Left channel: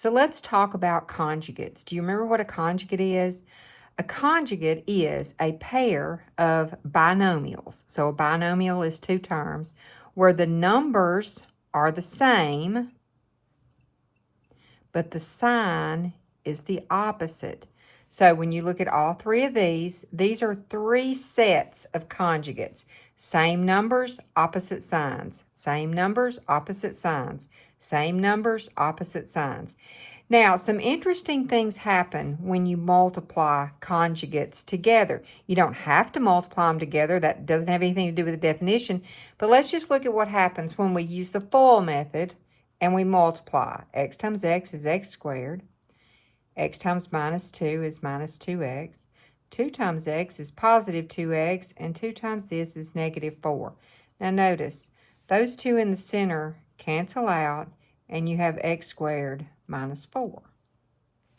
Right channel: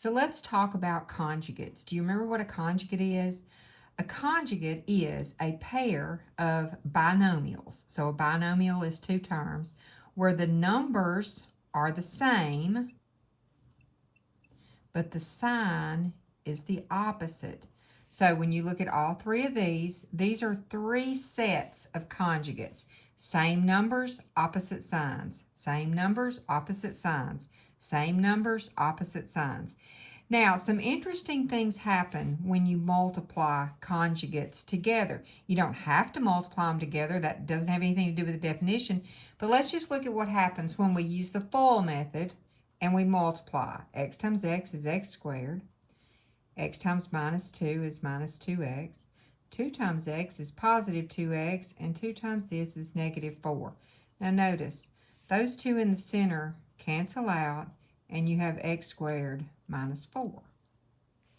So let's talk about conjugates. Do you remember what a conjugate is? A conjugate is a pair of binomials. So a binomial is two terms where the numbers are the same, but the sign is the opposite. So when you look at all three of these are three sets of conjugates. Same numbers, opposite signs. Same numbers, opposite signs. Same numbers, opposite signs. Now, some interesting things happen when you multiply conjugates together. You don't have to multiply them together. That doesn't have anything to do with the definition. But let's just look at what happens when we use the FOIL method and we multiply. X times x is x squared. X times minus 2 is minus 2x. 2 times x is positive 2x. And 2 times this is negative 4. Now notice, those two in the center cancel out, and you have x squared minus 4.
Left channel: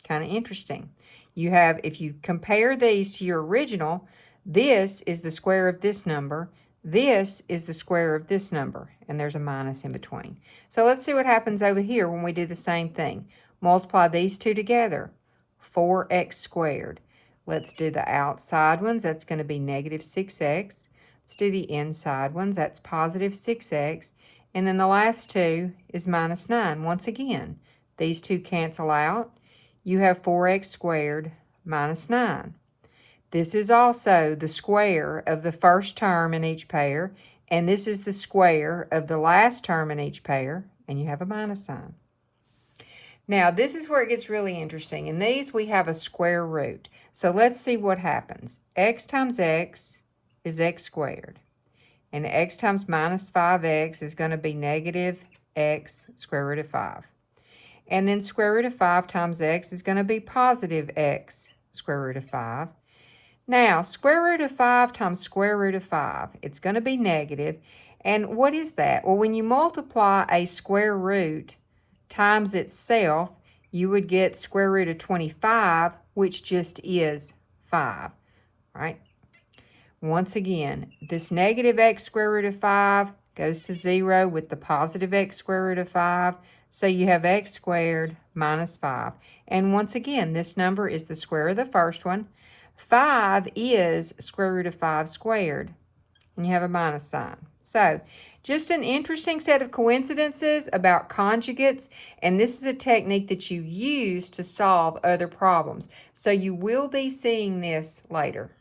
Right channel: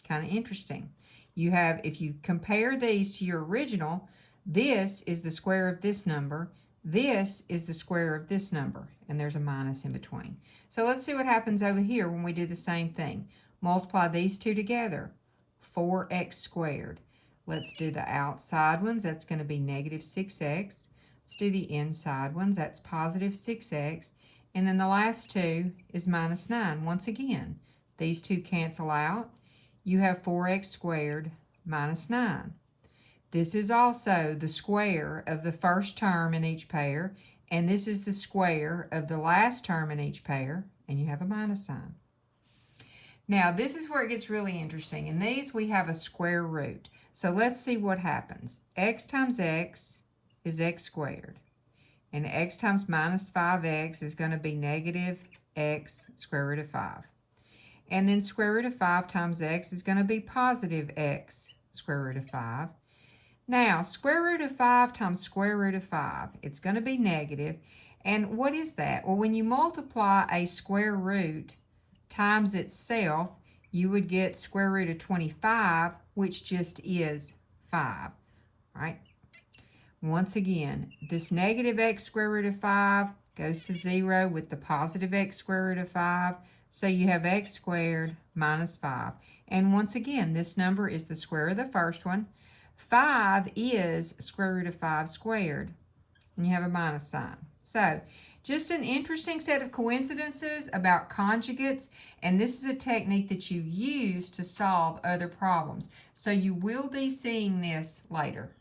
Kind of interesting. You have, if you compare these to your original, this is the square of this number. This is the square of this number, and there's a minus in between. So let's see what happens over here when we do the same thing. Multiply these two together, 4x squared. Let's do the outside ones. That's going to be negative 6x. Let's do the inside ones. That's positive 6x. And then the last two is minus 9. Once again, these two cancel out. You have 4x squared minus 9. This is also the square of the first term in each pair, and this is the square of the last term in each pair, and you have a minus sign. Now, this is where it gets really interesting. In these, we have a square root. So let's see what happens. X times x is x squared. And x times minus 5x is going to be negative x square root of 5. And then square root of 5 times x is going to be positive x square root of 5. Now, square root of 5 times square root of 5, it's going to be negative. And what is that? Well, when you multiply a square root times itself, you would get square root of 25, which just is 5, right? Once again, this negative x square root of 5 goes to 0 with the positive x square root of 5. So you have x squared minus 5. And once again, this number is the square of the first one. 5 is square root of 5 squared. And you have a minus sign. So just an interesting set of coincidences about conjugates, and this is a technique that you use to solve other problems. So you will be seeing this later.